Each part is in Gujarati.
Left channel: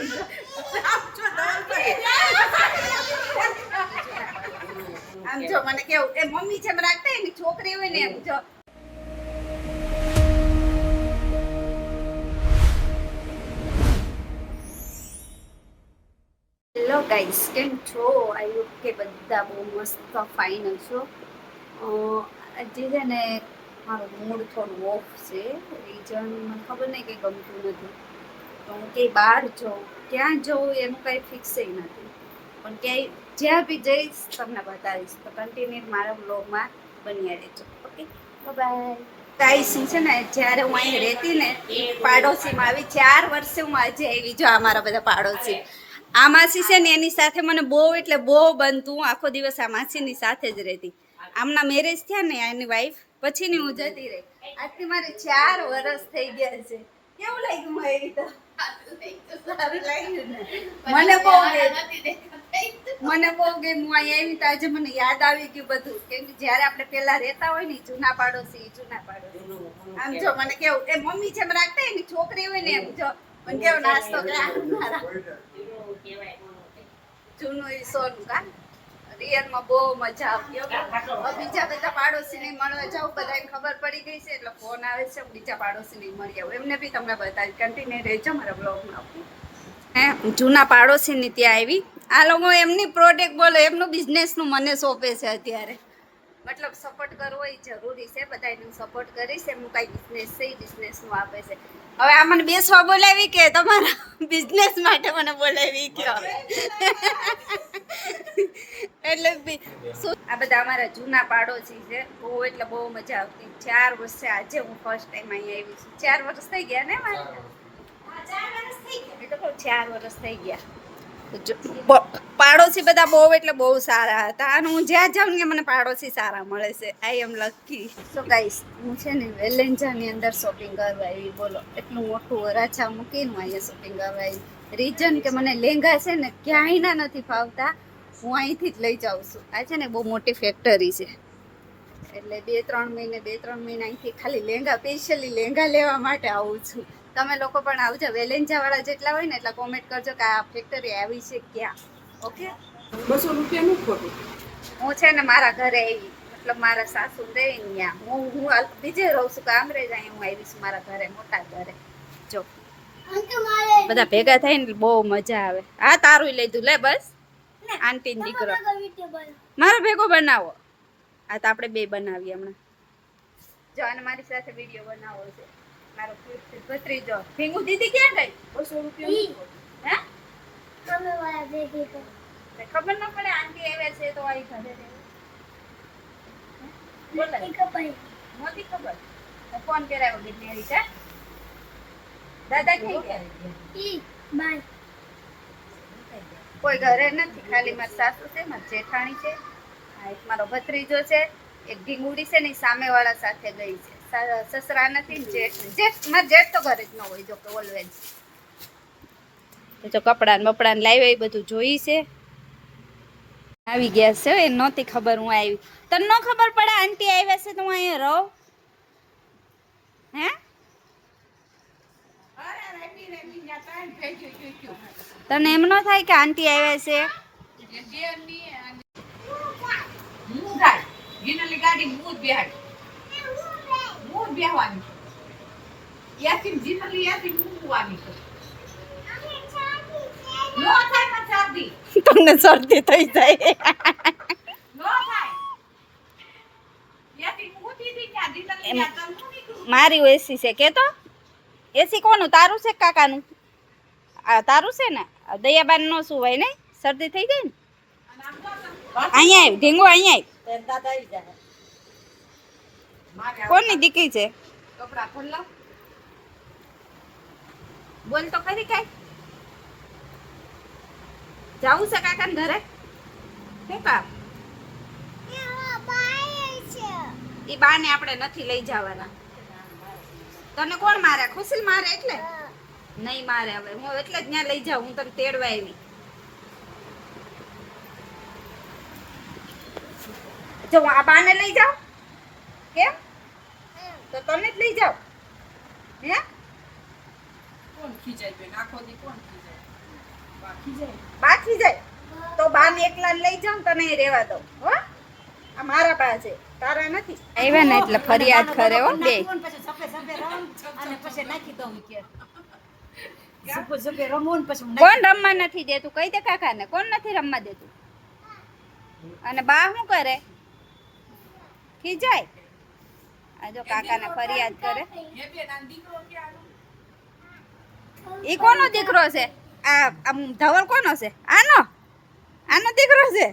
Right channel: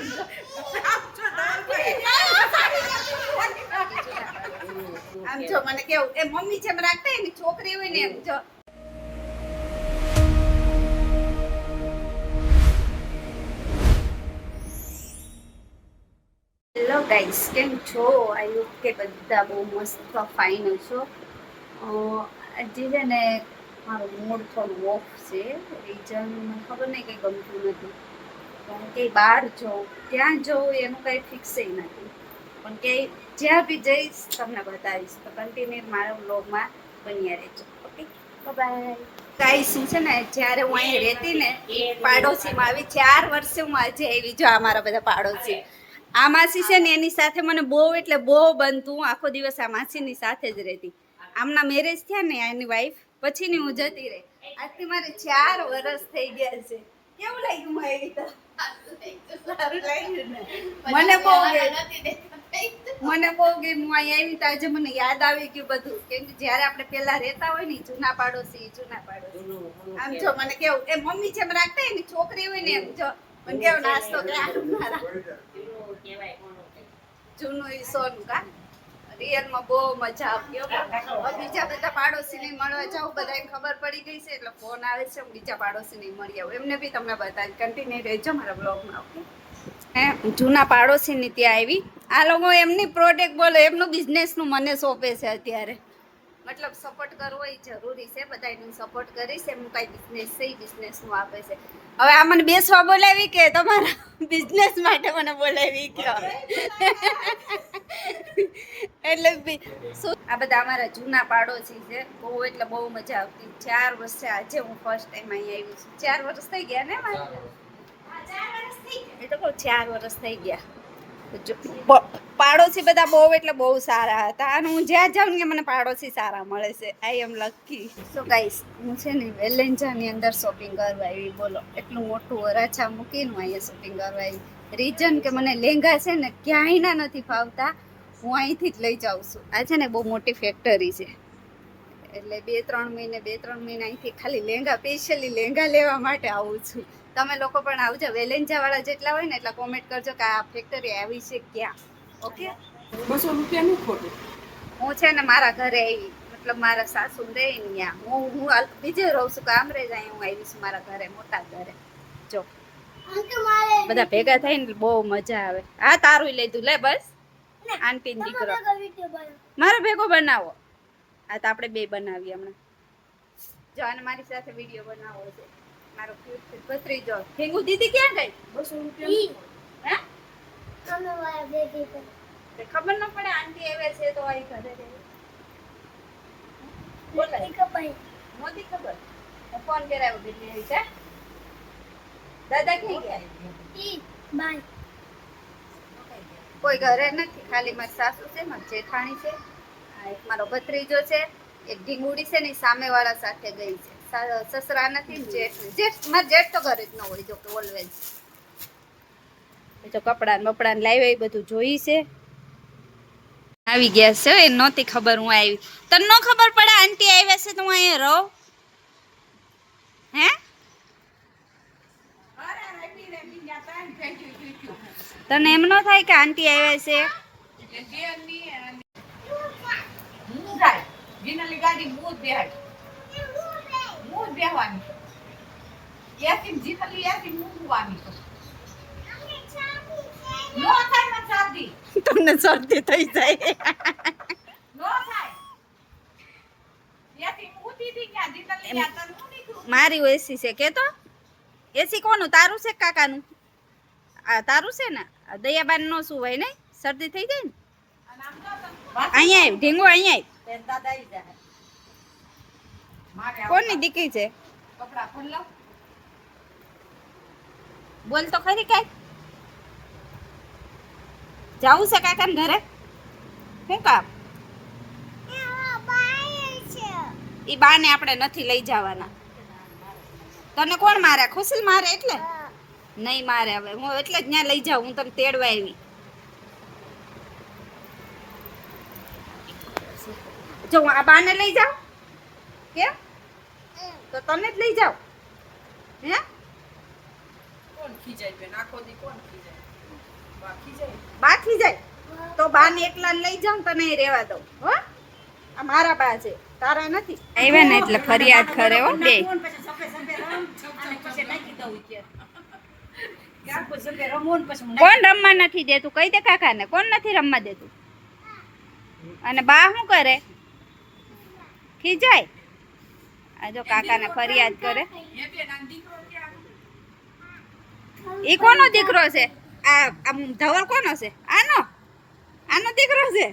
આમ જો મને કેવું એ મમ્મી જેમ રાખતા એની છોકરી હોય ને એમ જો. હેલો ગાઈસ, કેમ છો? આઈ હોપ કે બધા બહુ મસ્ત ફાઇન છો. આજે છે ને મારો મૂડ થોડું ઓફ છે. રીઝન મને ખબર નહીં, કંઈ ગમતું નથી. તો હું કંઈ બહાર જાઉં, ક્યાં જાઉં એનું કંઈ ફિક્સ નથી. પણ ક્યાંય જ્યાં બી જઈશ તમને બતાવીશ. તો કન્ટિન્યુ મારા બ્લોગમાં બન્યા રહેજો. Okay, by. ગાઈસ, હું છે ને જ્યારે હું અહીં રહેતી ને પાડોશીમાં આવી 4 વર્ષે હું આજે આવી. જો આ મારા બધા પાડોશી. આ માસી છે ને એની સાથે મને બહુ એટલે બહુ બનતું. હું આખો દિવસ આ માસીની સાથે જ રહેતી. આમના મેરેજ થયા ને એની વાઈફ પછીની હું જતી રહી. આજથી મારે 4 વર્ષ થઈ ગયા છે. કેવું લાગ્યું મારી તો? સારું લાગ્યું ને? મને બહુ ગઈ. હું અહીં આવી તો આજે મને યાદ આવી ગયું બધું. કેમ કે જયારે આપણે પેલા રહેતા હોય ને જૂના પાડોશી. આમ જો મને કેવું એ મમ્મી જેમ રાખતા એની છોકરી હોય ને એમ જો મને કેવો નાસ્તો જૂનું ઈ સોનું કા રિયલમાં બહુ મજા આવતી. બીજા બધા પાડોશી ને મળવા જાઉં, બધાને ખબર પડી ગઈ છે એટલે ફોન આવે છે. હું બીજા પાડોશી ને મળી આવું, એમને બી તમને બતાવી. કન્ટિન્યુ રહેજો મારા બ્લોગમાં. ઓકે, જૂના પાડોશી ની ત્યાં આવી. આ લોકો એમની પ્રોડક્ટ બોલો, એમનું બિઝનેસ નું મને સોંપે છે અત્યારે. મતલબ સપોર્ટ કરવો એ જરૂરી છે, બધાને સપોર્ટ કરીશ. એમનું કઈ બિઝનેસ છે એ બિઝનેસનું આપે છે. હવે આ મને બેસવા બોલાવી કે તમારા બિઝનેસ માટે મને બોલાવી કયો? એટલે આ બધા અમારા જૂના પાડોશી છે. બહુ એટલે બહુ મજા આવતી. 4 વર્ષે આજે હું ફર્સ્ટ ટાઈમ અહીંયા આવી છું. 4 વર્ષ થઈ ગયા ને મારે? 4 વર્ષ થઈ ગયા. એ તો કહું 4 વર્ષ થઈ ગયા. પાડોશી બધા બહુ એટલે બહુ સારા હતા. અને હું જ્યાં જાઉં ને મને પાડોશી સારા મળે છે. આઈ એમ લકી. તો ગાઈસ, હું છે ને વેલેન્જાની અંદર શોપિંગ કરવા આવી. બોલો, એટલું મોટું વરાછા મૂકીને હું અહીંયા શોપિંગ કરવા આવી. રીઝન કે મને લેંગા છે ને ક્યાંયના નથી ફાવતા. હું અહીંથી જ લઈ જાઉં છું. આ છે ને બહુ મોટી ફેક્ટરી છે. એટલે 2-3 મહિને અહીંથી ખાલી લેંગા, સ્પેશિયલી લેંગા લેવા માટે આવું છું. તમે લોકો પણ આવજો. વેલેન્જા વાળા જેટલા હોય ને એટલા કોમેન્ટ કરજો કે આ ફેક્ટરી આવી છે ક્યાં. ઓકે, 200 રૂપિયાનું ખોટું. હું છે ને મારા ઘરે આવી, મતલબ મારા સાસુ રહે ને ત્યાં. હું બીજે રહું છું, કામરેજ. અહીં હું આવી છું મારા ઘરે, મોટા ઘરે. જો બધા ભેગા થઈને બહુ મજા આવે. હા, તારું લીધું લે બસ. આંટી ને દીકરો મારો ભેગો બનાવો. આ તો આપણે બે બનાવીએ હમણાં. જો અને મારી સાથે વિડીયો બનાવવો છે. મારો ભત્રીજો ભેગુ. દીદી ક્યાં ગઈ? 200 રૂપિયા. હે? ખબર ન પડે આંટી આવ્યા છે તો અહીં ઘરે રહેવું. મોટી ખબર. ફોન કરાવ્યો બેન છે. દાદા ક્યાં ગયા? કોઈ ઘરે નથી, ખાલી મારી સાસુ છે, મારી જેઠાણી છે, એક મારો ભત્રીજો છે, એક ઢીંગુડી છે ને સામેવાળા સાથે ગઈ છે. સસરા નથી ને જેઠ મારા જેઠ તો ઘરે જ ન હોય. જો કે ઓલવેઝ જો કપડાં બપડાને લાવ્યા એ બધું જોઈ છે. આવી ગયા છે. એ નહોતી ખબર હું આવી. તને ન ખબર પડે આંટી આવ્યા છે તો હું અહીંયા રહું? હે? તને એમ ન થાય કે આંટી આવ્યા છે? તમને શરદી થઈ જાય. મારી એસી છે કે તો એસી કોનું? તારું છે કાકાનું? આ તારું છે ને? દયાબાન નો શું હોય ને શરદી થઈ જાય ને. અહીંયા આવી ઢીંગો, અહીંયા આવી. કોની દીકરી છે? બોલ તો ખરી. કઈ જાવું છે કાકાને ઘરે? શું કામ? ઈ બાને આપણે નથી લઈ જવાના. તને કોણ મારે? ખુશી મારે એટલે નહીં મારે. હવે હું એટલે જ ત્યાં લઈ જાઉં. હું તને તેડવા આવી. જો આ બાને લઈ જાઉં. કેમ? તો તને જ લઈ જાઉં. હે? કોણ ખીજાય બેન? આખો દી કોણ ખીજાય? બાકી જાય તો બાને એકલા લઈ જાઉં તને અહીં રહેવા દઉં હો. આ મારા બા છે, તારા નથી. આવ્યા ને એટલે ફરિયાદ કરે હો બે. કોણ રમવા નથી દેતું? કહી દે કાકાને, કોણ નથી રમવા દેતું? અને બા શું કરે? ખીજાય. આ જો કાકાને ફરિયાદ કરે. ઈ કોનો દીકરો છે? આ ધવલ કોનો છે? આનો દીકરો છે.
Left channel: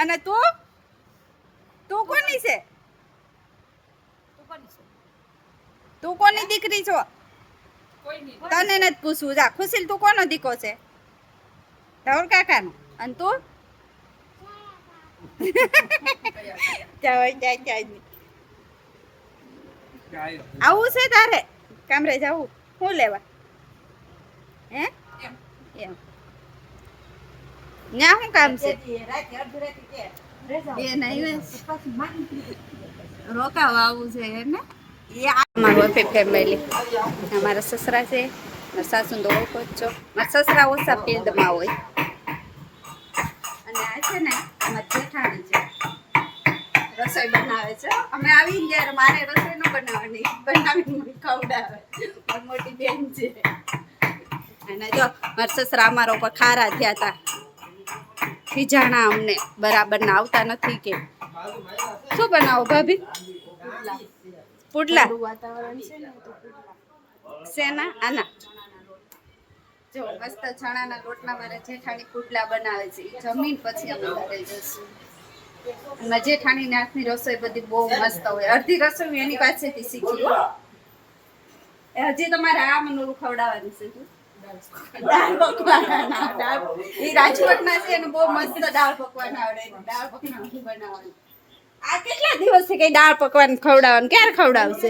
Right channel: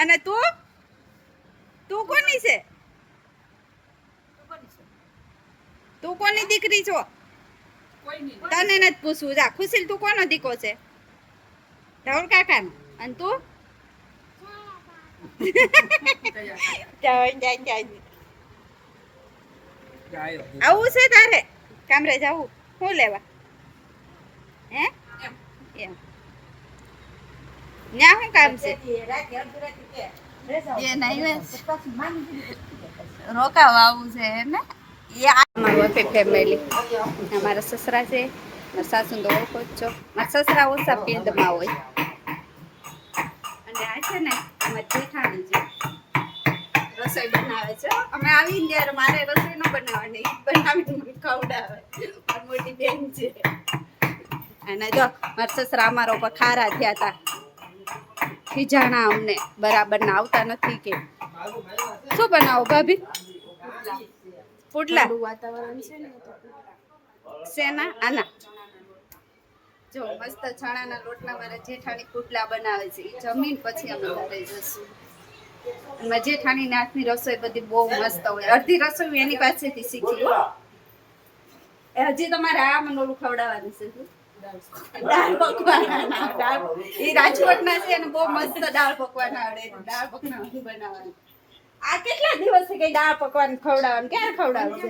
અને તું કોની છે? તું કોની દીકરી છો? તને નથી પૂછવું. જા ખુશીલ, તું કોનો દીકરો છે? ધવલ કાકાનો. અને તું? આવું છે તારે કામરે જવું? શું લેવા? હે એમ ન્યા શું કામ છે? રોકાવા આવું છે ને? અમારું ફેમિલી, અમારા સસરા છે, મારા સાસુ તો ઓળખો જ છો. મારા સસરા ઓછા ફિલ્ડમાં હોય. અને આ છે ને અમારી જેઠાણી છે, રસોઈ બનાવે છે. અમે આવીને ત્યારે મારે રસોઈ ન બનાવવાની, બનાવીને મને ખવડાવે. મારી મોટી બેન છે. અને જો મારા સસરા અમારા ઉપર ખારા થયા હતા, ખીજાણા અમને બરાબર ના આવતા નથી કે શું બનાવો ભાભી? પુડલા વાતાવરણ છે ને તો શેના? આના જો મસ્ત ચણાના લોટના મારા જેઠાણી પુડલા બનાવે છે. એ જમીન પછી અમે ઘરે જશું. અને જેઠાણીના હાથની રસોઈ બધી બહુ મસ્ત હોય. અડધી રસોઈ એની પાસેથી શીખી હો. હજી તમારે આ મનોલું ખવડાવવાનું છે. દાળ પકવાન એ રાજકોટના છે ને, બહુ મસ્ત દાળ પકવાન આવડે. દાળ પકવાન બનાવવાનું. આ કેટલા દિવસથી કઈ દાળ પકવાન ખવડાવવાનું? ક્યારે ખવડાવશે?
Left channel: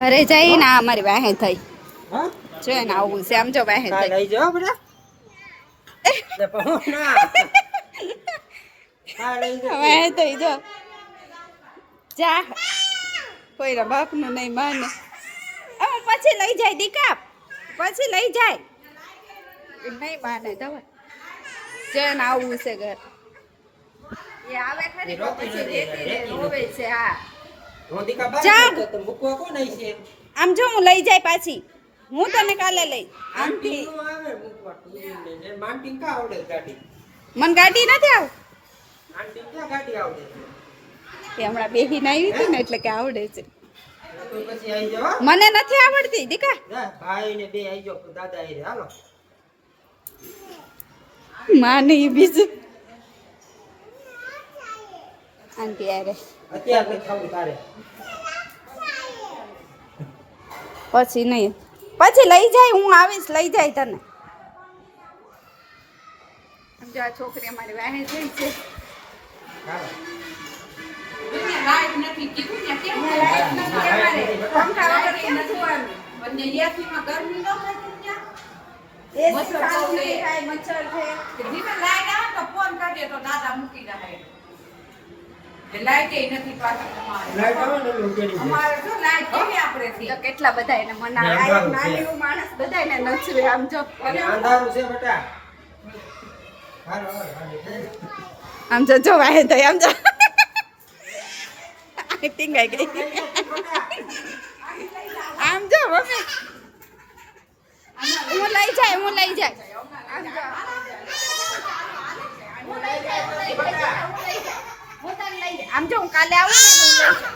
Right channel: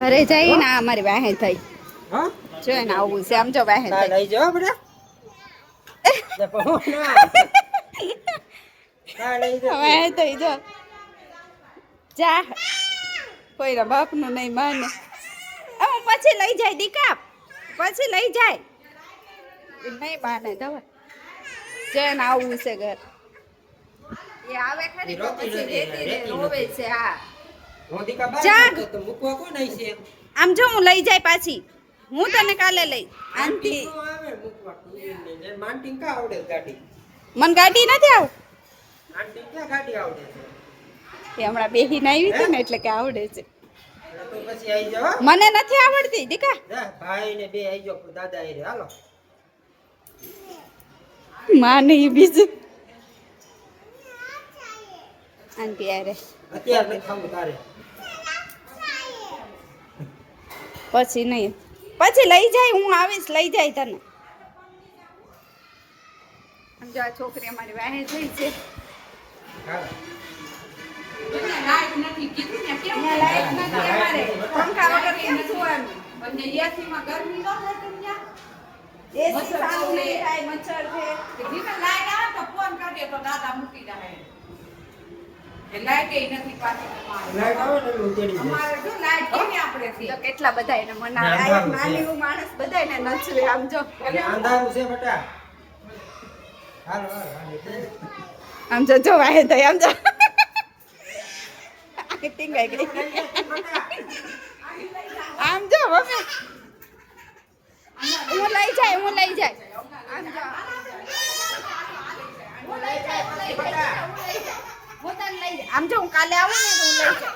ઘરે જઈને અમારી વાહે થઈ જો ને આવું છે. આમ જો વાહે થઈ વાહે થઈ જો જા. કોઈના બાપનું નહીં માને. પછી લઈ જાય દીકા, પછી લઈ જાય. નહીં માને દવા જેને આવું છે ઘર. એ આવે ખરી તો પછી રેતી રે રોવે છે. હા જાગ આમ જો હું લઈ જાય પાછી. હું તને કાલે લઈ આનથી. મને ગાડી નથી આવ. એ હમણાં બેહીને આવી હતી ને એટલે કે આવડે છે. મને નથી આવડતી દીકા. માં નહીં બીજું આંટી યારે પછી નહીં. પછી લઈ જાય, હું આવીશ લઈ જાય તને. સમજો આ છોકરી અમારી વાહે થઈ છે. પંખા વગર કેમ સુવાનું? એસીમાં ગરમી ન થાય ત્યાં? એસી ચાલુ નહીં થાય, મચ્છર છે. ધીમે લાઈટ આવે તો ફોન કાઢીએ તો દાદા મૂકી જાય. કેટલા બધા એને મનાવે. નાની માણસ બધા એને નચવે. આમ જો આમ જો વાહે થઈ. આમ જો ટીંગાઈ ગઈ. આમ જો મમ્મી હું લઈ જાય. હું લઈ જાય. આમ જો હું કાલે આવું ને તો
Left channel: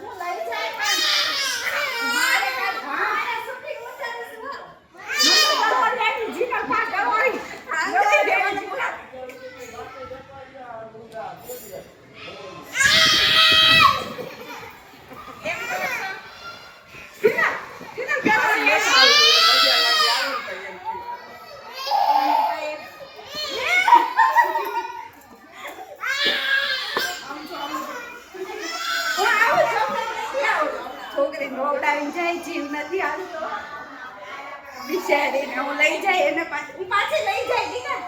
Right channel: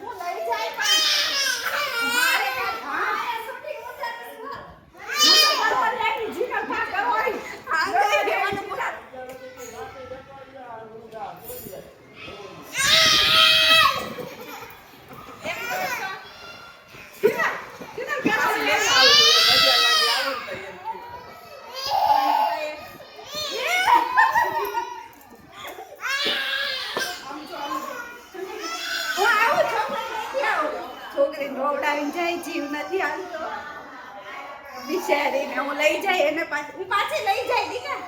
હું લઈ જાઉં. છોકરી નોવડાવીને જાય, જીવ નથી હાલતો. બિચારીને હું લઈ જાય એને પાછી હું પાછી લઈ જાય દીકા